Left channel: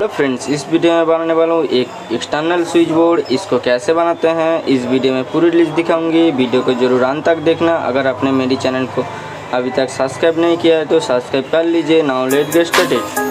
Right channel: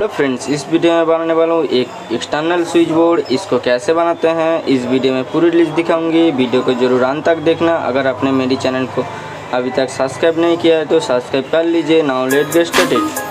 तो फ्रेंड्स, इस वीडियो में बनाने वाला हूँ एक एक्सटर्नल स्विच बोर्ड। इसको कैसे बनाते हैं इस वीडियो में पूरी लिस्ट दिखाऊंगी। वीडियो को जरूर अंत तक देखना। अगर आपने मेरी चैनल को अभी तक सब्सक्राइब नहीं किया है तो सब्सक्राइब कर लीजिए। Now let's get started.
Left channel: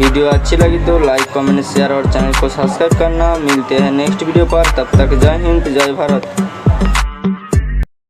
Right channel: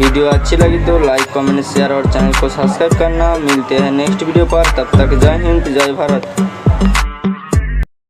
Video अच्छी लगी तो लाइक, कमेंट, शेयर और चैनल को सब्सक्राइब करना। मिलते हैं नेक्स्ट वीडियो पर। तब तक जय हिंद, जय भारत।